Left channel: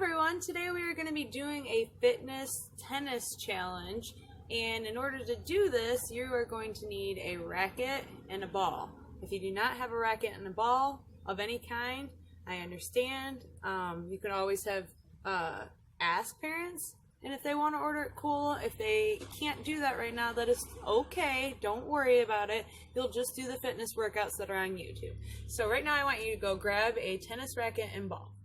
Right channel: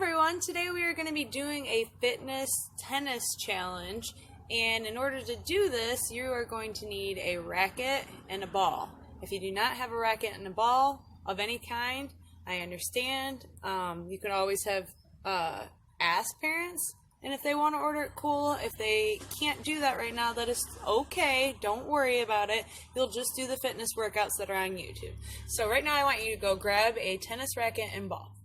everyone, today we are going to be doing a fitness tennis challenge, and in order to do this you are going to need a racket and a ball. If you do not have a racket and a ball of any kind, I understand. You could always have ask parents, and if they want to order it, cool. If they can't do that right now, that is okay. Don't worry about it. You'll just do the fitness workouts that are on YouTube. So right now I want you to go grab a tennis racket and ball.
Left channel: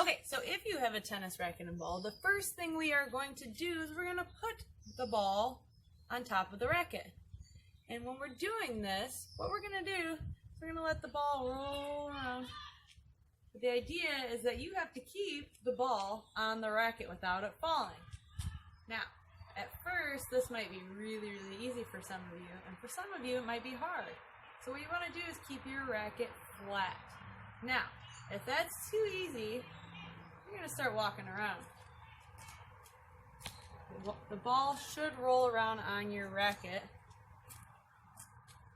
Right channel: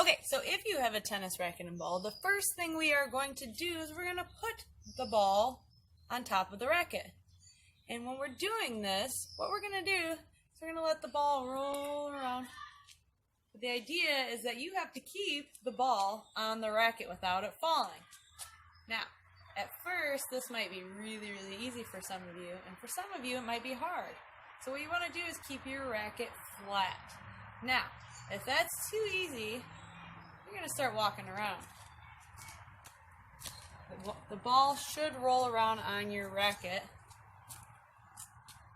Okay, so if you have a tennis racket and ball, the first thing we are going to do is we're going to put the ball on top of the racket. And when we're doing this, what we're going to do is we're going to let the ball roll around. But the idea is that you have to keep the ball on the racket without it falling. Now, at first, this might be really, really easy for some of you, and for some of you, it might be hard. So what you want to do is keep your racket flat. Now, if that's too easy, you're going to start walking around. The ball should roll around on your racket,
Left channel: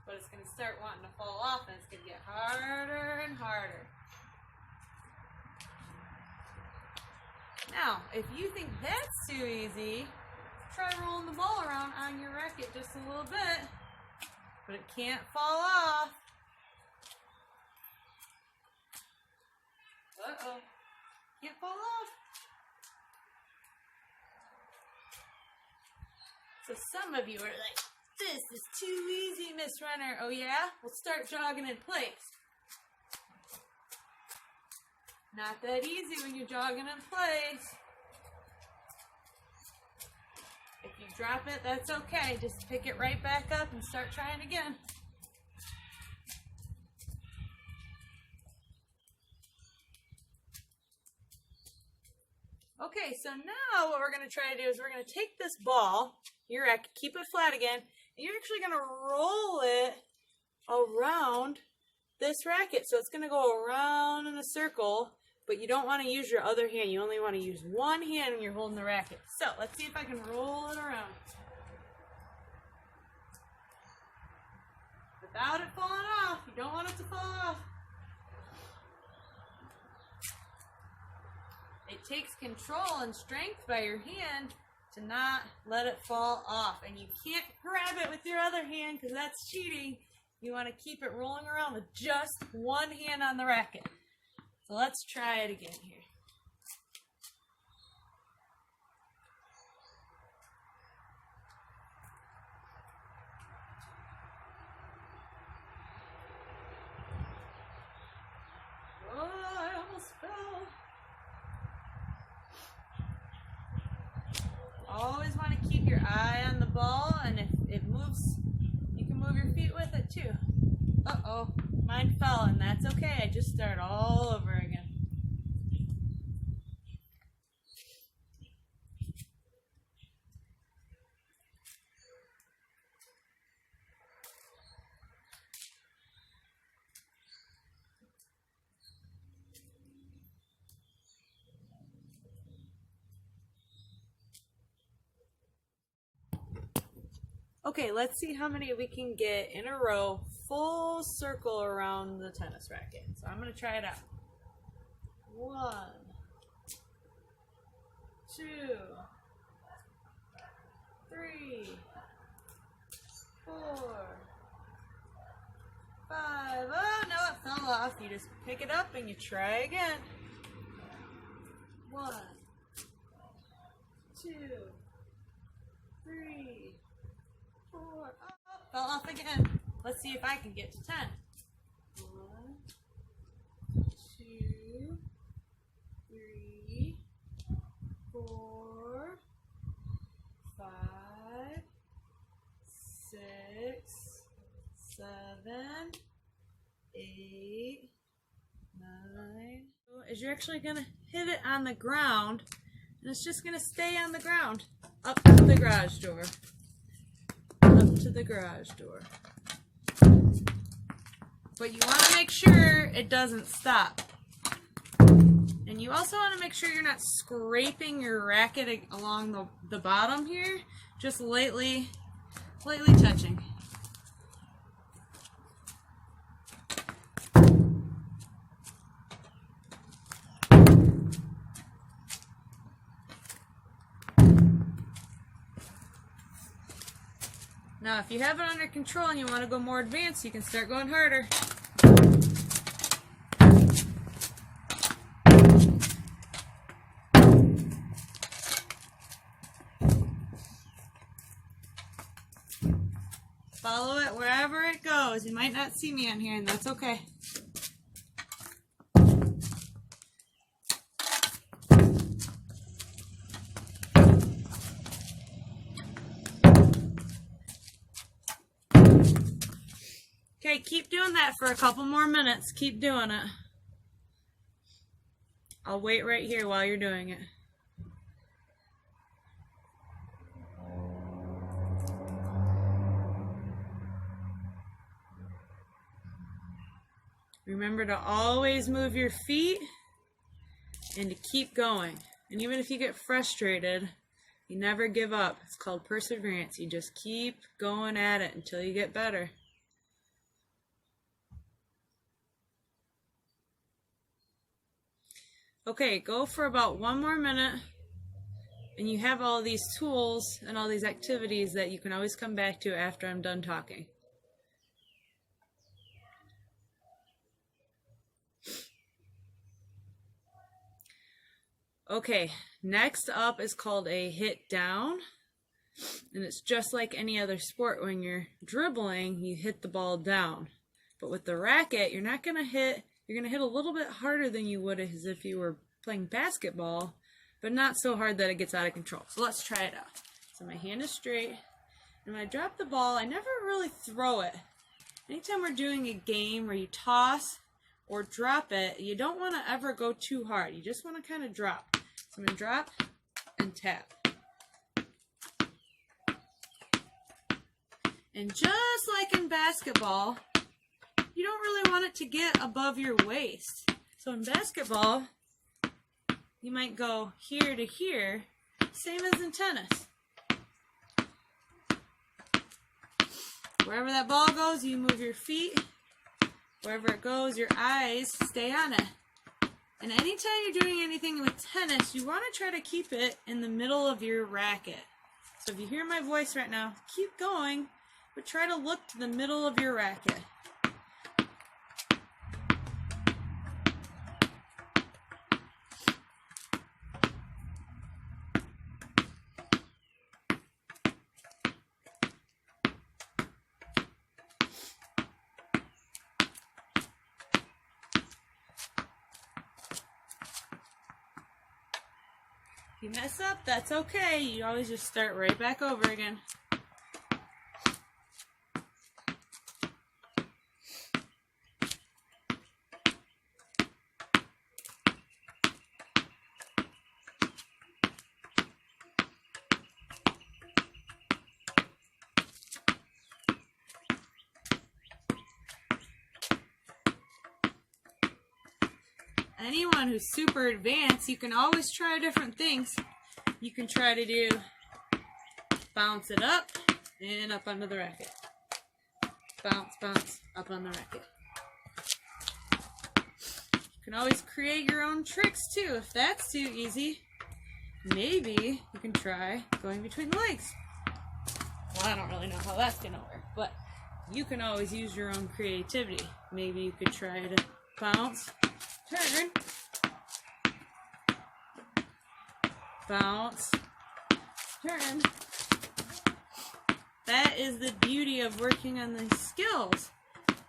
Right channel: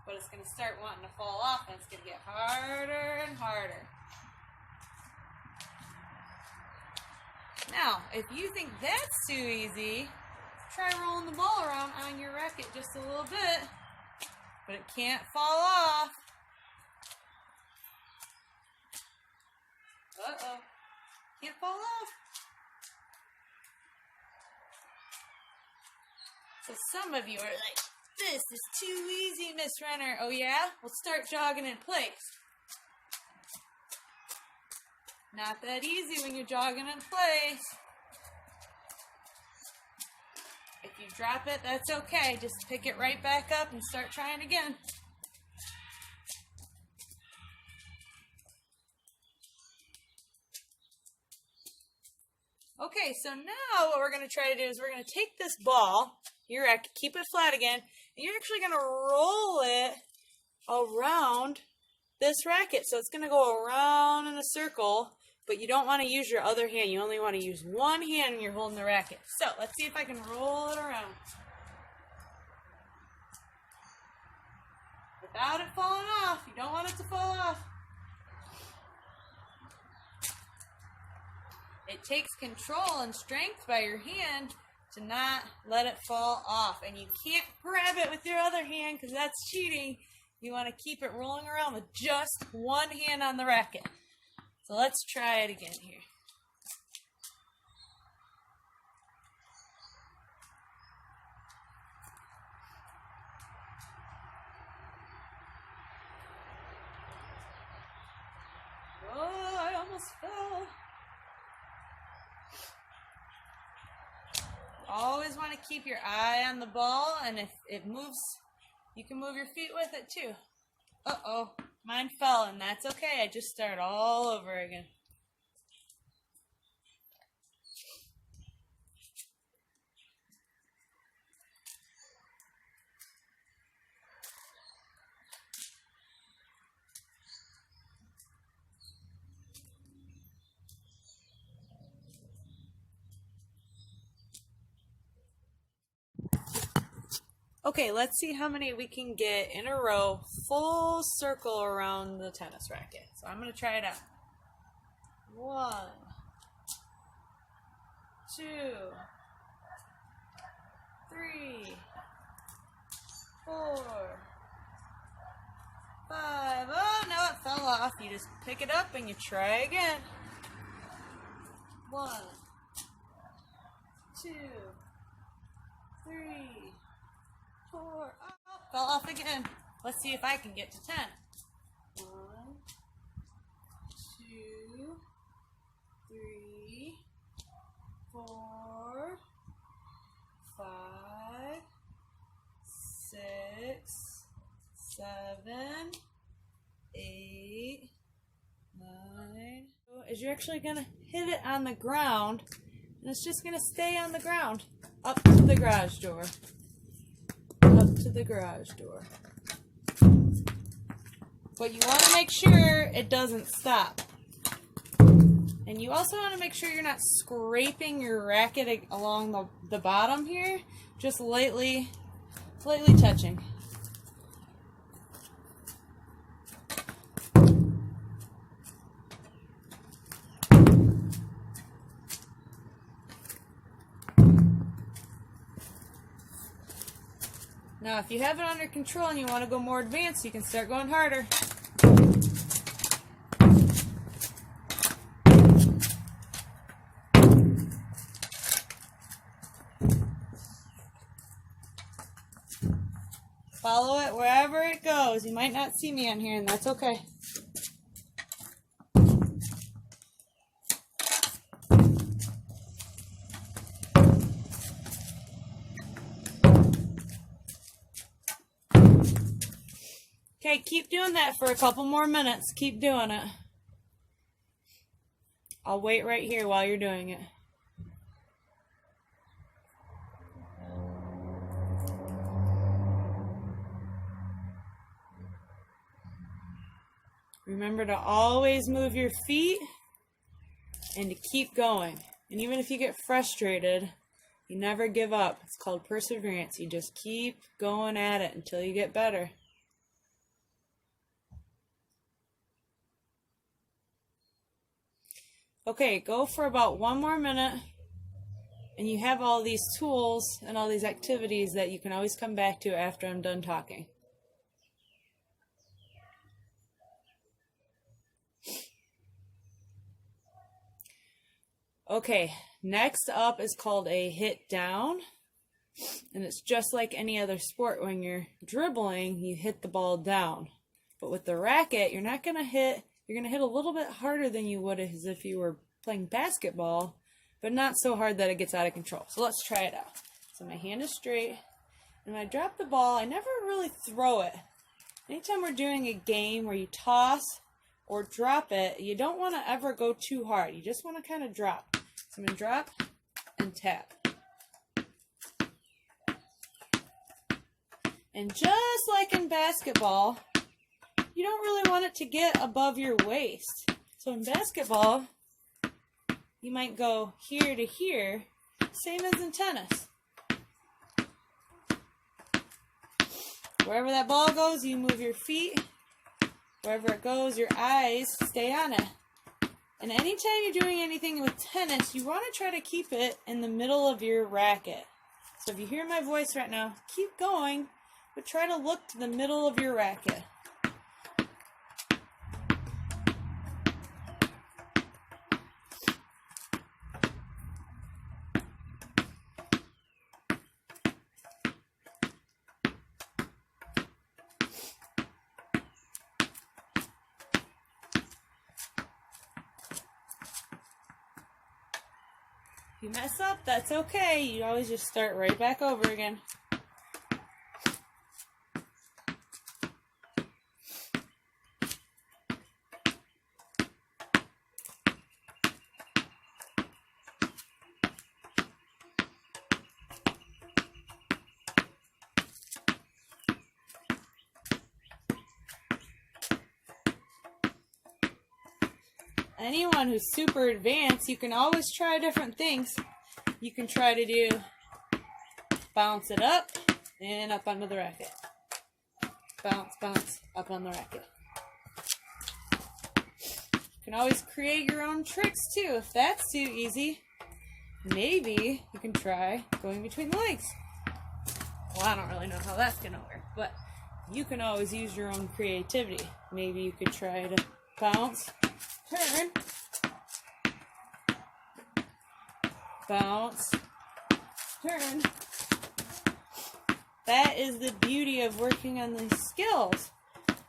but it's going to start wanting to fall off, and it's going to get harder and harder. Now, if you think that's too easy, try rolling the ball around on your racket just a little bit, but it can't fall off. Uh-oh. Can't fall off. So some of you are like, this is too easy, Miss Runner. Oh yeah? Well, start jogging in place. Not that easy when you're jogging in place. If you drop it, that's okay. Just pick it right back up and start trying again. Okay, so now what we're going to try to do is we're going to take this ball, your racket, keep it flat again, and you're actually going to roll it around this racket. So it's going to go around in a circle, but you don't want to use your other hand. You only want to use one hand when you're holding the racket. So let's see if I can roll it around without it falling off. You don't want it to fall off. It takes control and strength by your hand to not let it fall off. And you can't grab it with your other hand because that's cheating. You want to keep it rolling around with just one hand on the racket. So let's try it again here. Oh, I almost fell. Always want to keep your eye on the ball, and if it moves, you can move your feet with it too. Uh-oh, mine fell, and that's okay. I just start all over again. Okay, let's see how many we can get in a row, full circle around the tennis racket. So I'm going to try it out. 1, 2, 3, 4, 5. Oh, no, it fell off. You just pick it up and you try again. 1, 2, 3, 4. Oh, fell off again. Let's see if I can get to 10. 1, 2, 3, 4, 5, 6, 7, 8, 9. Is you're actually gonna hit it on the ground, and it's just gonna stay on the ground up to the garage door. Up to the garage door. But you want to make sure it doesn't stop. And you also want to make sure you're not scraping your racket along the bottom here. Just lightly touching. Now, if you have it under control and you want to go more advanced, you can start going harder. Follow it wherever it goes. You might not see me on here, and that's okay. Okay, keep doing that for a couple more minutes. Keep doing it. I'll wait right here while you're doing it. Remember to always move your feet and to keep going. And even if you get frustrated, you never give up. It's called perseverance. You just keep going at it until you get better. Okay, go for about 1 more minute, and you have all these tools and all these activities that you can always come back to after I'm done talking. Okay, next up is called a hit down, and it's just like any other sport. When you're dribbling, you hit the ball down, but with the racket, you're not going to hit. You're going to hit a little bit harder than you would as if you were playing basketball, but not so hard that it gets out of control. So let's try it out. So my hand is straight, and when I drop the ball, I never really throw it. Anytime we're doing a game where you toss or drop it, you don't want to ever go too hard. You just want to kind of drop. So I'm going to drop and tap. And just like in basketball, you don't really want it to get above your waist. So in basketball, you might go here to here, same as in tennis. Wherever that ball goes, you move your feet. Wherever it goes, your eyes stay on it. And anytime you're doing anything with tennis, you want to try to keep it in the middle of your racket. So if you hear my voice right now, keep going, but try to look to the middle of your racket. If you mess up, that's okay. You always just start right back over again. Anyone who's super advanced, you can always try different things. You can try to do bounce it up and up onto the racket. Bounce, bounce, up on the racket. You can always create your own tricks too. If that's too easy, maybe you can try going between the legs. Well, I don't really know how that's going to work, but you can always use your own creativity. Maybe you could try to bounce, turn, bounce, turn. That is the beauty of working on these skills,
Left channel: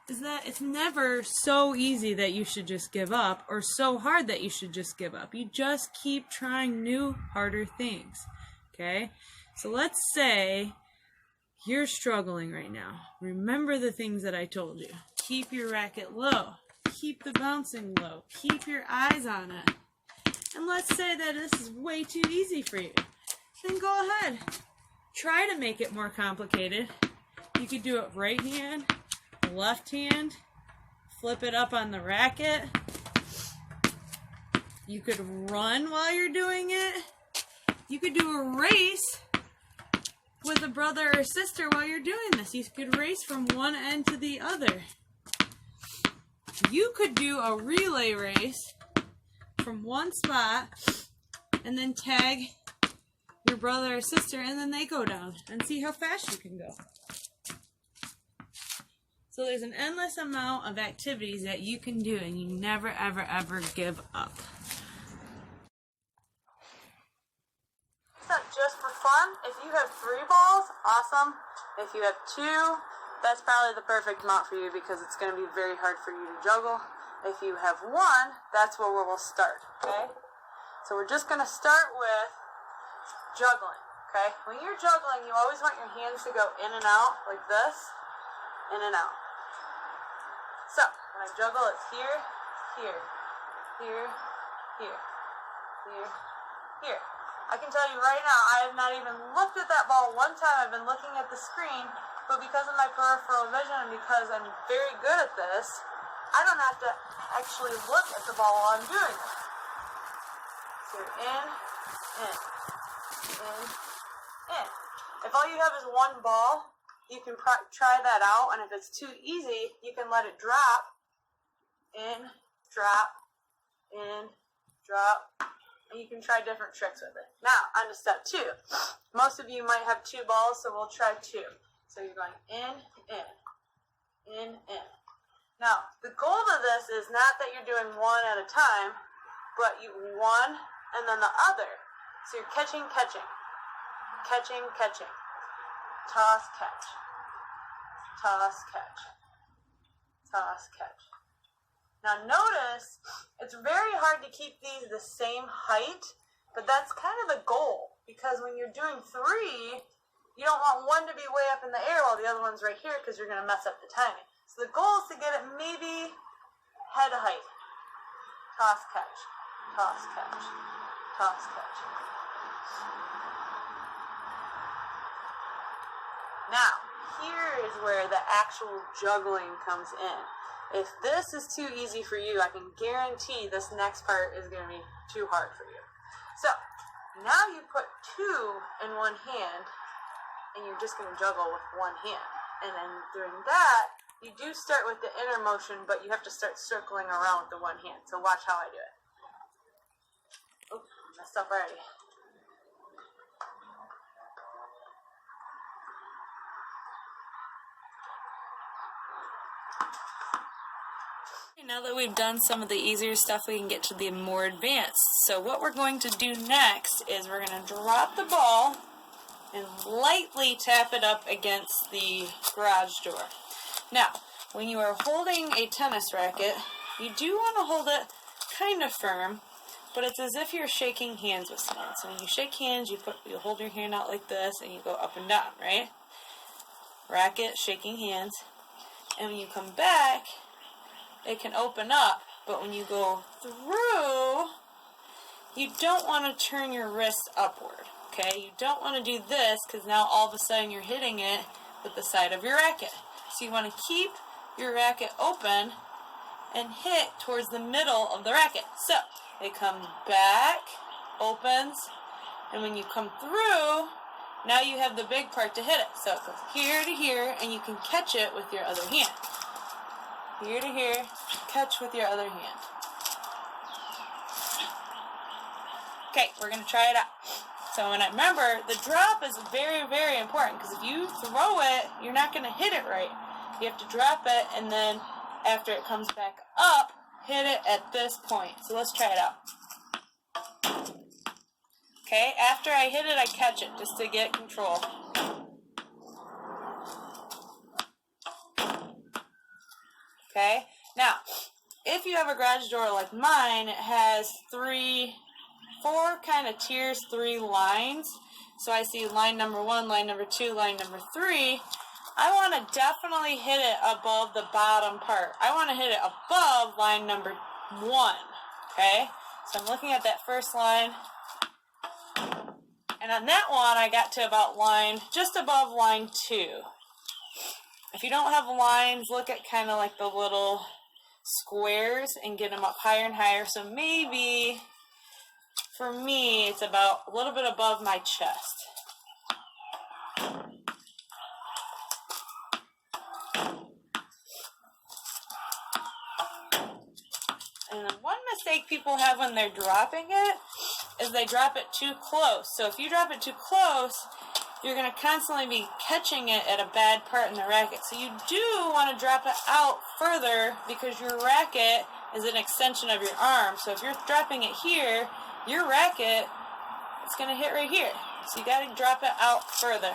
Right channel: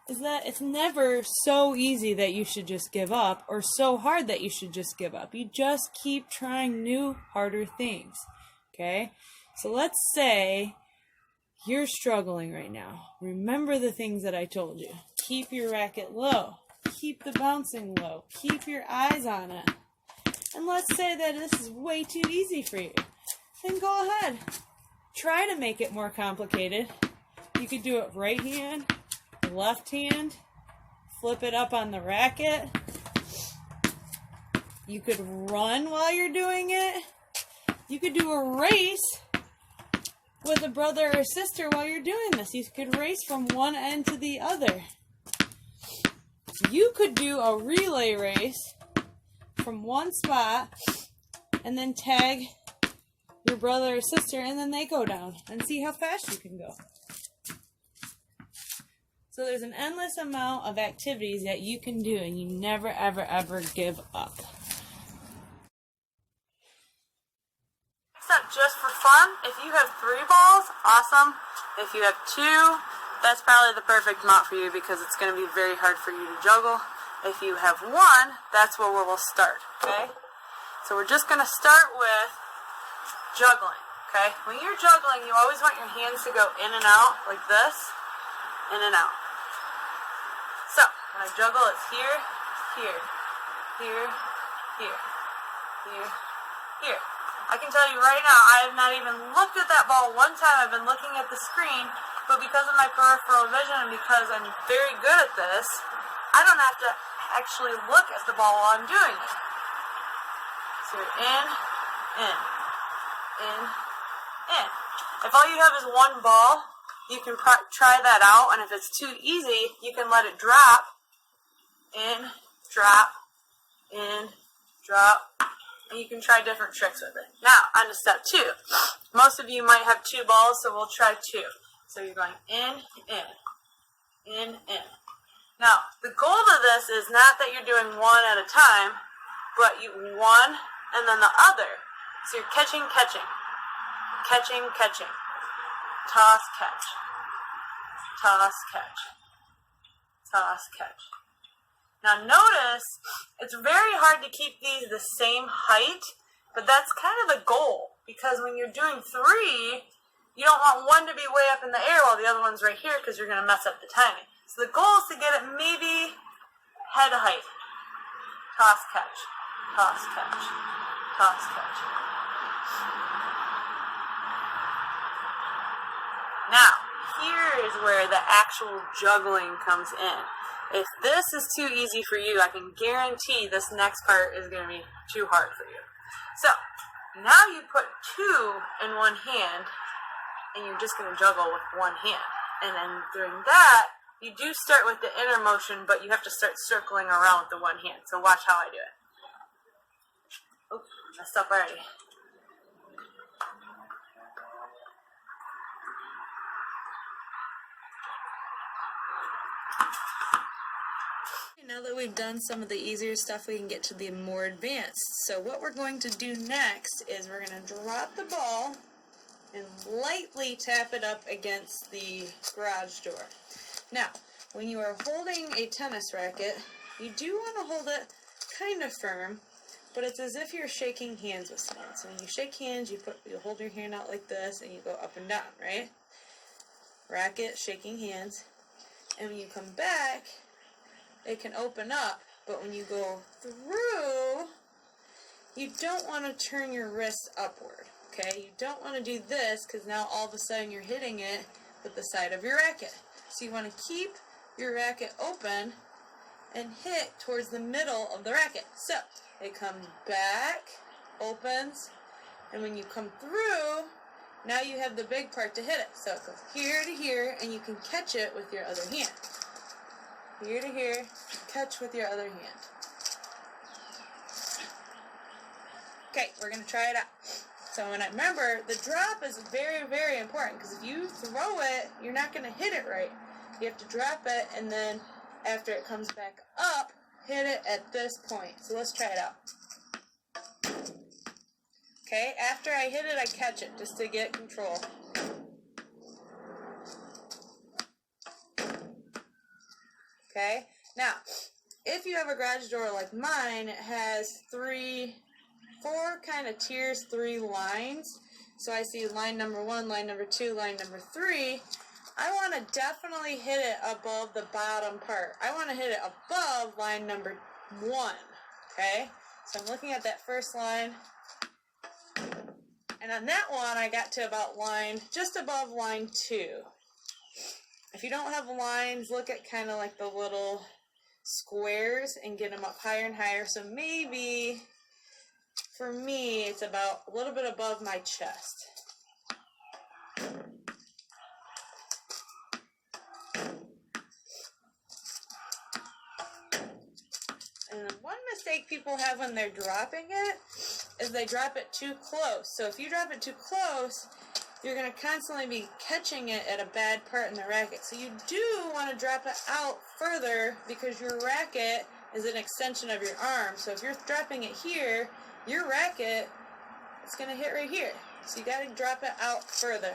is that it's never so easy that you should just give up or so hard that you should just give up. You just keep trying new, harder things, okay? So let's say you're struggling right now. Remember the things that I told you. Keep your racket low. Keep the bouncing low. Keep your eyes on it. And let's say that this is way too easy for you. Then go ahead. Try to make it more complicated. You could do it right hand, left hand, flip it up on the racket. You could run while you're doing it. You could do a race with a brother or sister while you're doing this. You could race from one end to the other. You could do a relay race from one spot and then tag your brother or sister, and then they go down, and see how fast you can go. So there's an endless amount of activities that you can do, and you never, ever, ever give up. It's not just for fun. If you have 3 balls, awesome. If you have 2, that's probably the perfect amount for you because it's going to be very hard for you to juggle. If you have 1, that's where we'll start, okay? So we're just going to start with juggling, okay? When you're juggling, you always want your hands to go in and out like this, in and out. So, when I juggle, it's here, here, here, here, here, here. I can tell you right now, I have not even looked at that ball one time. I've been looking at the screen, but because of my peripheral vision and because I'm very good at this, I don't have to actually look at the ball while I'm doing it. So you're in, in, in, in. If all you have is 1 ball, you can try that out, and if it's too easy, you can let it drop, in, drop, and you can try different tricks with it. Now, on to step 2. Most of you might have 2 balls, so we'll try 2. So you're going in, in, in, in. Now, the goal of this is not that you're doing 1 at a time, but you 1 and then the other. So you're catching, catching, catching, catching, toss, catch, toss, catch, toss, catch. Now notice, it's very hard to keep these the same height, but that's kind of the goal, because when you're doing 3, you don't want 1 to be way up in the air while the other one's right here because you're going to mess up the timing. So the goal is to get it maybe head height. Toss, catch, toss, catch, toss, catch. Now, here is where the actual juggling comes in. If this is too easy for you, I can guarantee this next part is going to be too hard for you. So, now you put 2 in one hand, and you're just going to juggle with one hand. And then doing that, you do start with the inner motion, but you have to start circling around with the one hand. So watch how I do it. Oh, messed up already. Now that we've done some of the easier stuff, we can get to the more advanced. So what we're going to do next is we're going to drop the ball and lightly tap it up against the garage door. Now, when you are holding a tennis racket, you do want to hold it kind of firm, but it's as if you're shaking hands with someone. So when you shake hands, you hold your hand out like this, and you go up and down, right? Racket, shaking hands. And when you come back, it can open up, but when you go through, you don't want to turn your wrist upward, okay? You don't want to do this, because now all of a sudden you're hitting it with the side of your racket. So you want to keep your racket open and hit towards the middle of the racket. So it comes back, opens, and when you come through, now you have the big part to hit it. So it goes here to here, and you can catch it with your other hand. Here to here, catch with your other hand. Okay, we're going to try it out. So remember, the drop is very, very important, because if you throw it, you're not going to hit it right. You have to drop it, and then after it comes back up, hit it at this point. So let's try it out. Okay, after I hit it, I catch it just to get control. Okay, now, if you have a garage door like mine, it has 4 kind of tiers, 3 lines. So I see line number 1, line number 2, line number 3. I want to definitely hit it above the bottom part. I want to hit it above line number 1, okay? So I'm looking at that first line. And on that one, I got to about just above line 2. If you don't have lines, look at kind of like the little squares and get them up higher and higher. So maybe, for me, it's about a little bit above my chest. And then one mistake people have when they're dropping it is they drop it too close. So if you drop it too close, you're going to constantly be catching it at a bad part in the racket. So you do want to drop it out further because your racket is an extension of your arm. So if you're dropping it here, your racket is going to hit right here. So you got to drop it out further.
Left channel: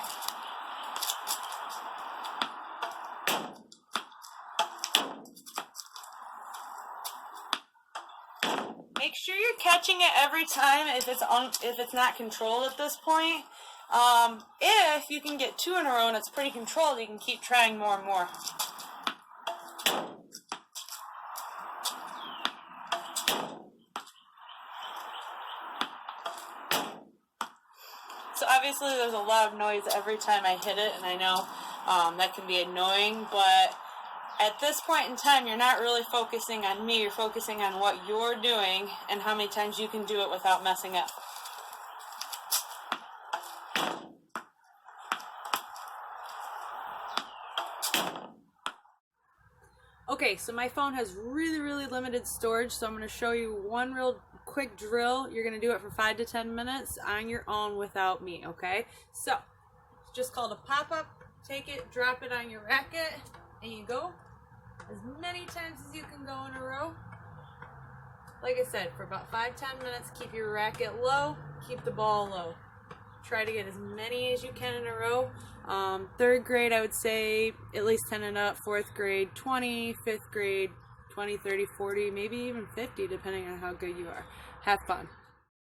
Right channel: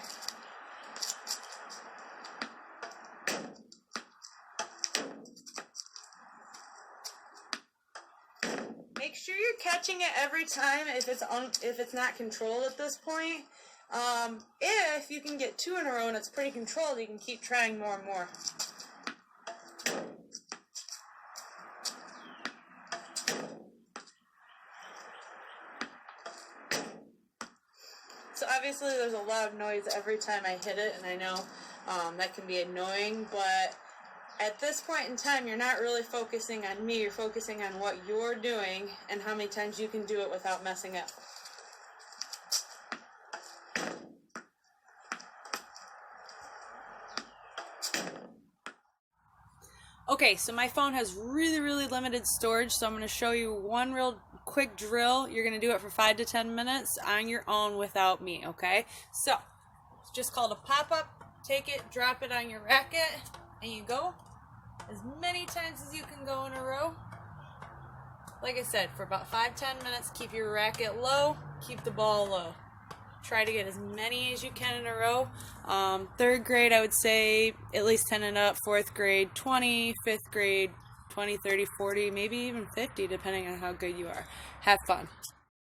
Make sure you're catching it every time if it's not controlled at this point. If you can get 2 in a row and it's pretty controlled, you can keep trying more and more. So obviously there's a lot of noise every time I hit it, and I know that can be annoying, but at this point in time, you're not really focusing on me, you're focusing on what you're doing and how many times you can do it without messing up. Okay, so my phone has really limited storage, so I'm going to show you one real quick drill. You're going to do it for 5 to 10 minutes on your own without me, okay? So, it's just called a pop-up. Take it, drop it on your racket, and you go as many times as you can go in a row. Like I said, for about 5-10 minutes, keep your racket low, keep the ball low. Try to get as many as you can in a row. 3rd grade, I would say at least 10 and up. 4th grade, 20. 5th grade, 20, 30, 40, maybe even 50, depending on how good you are. Have fun.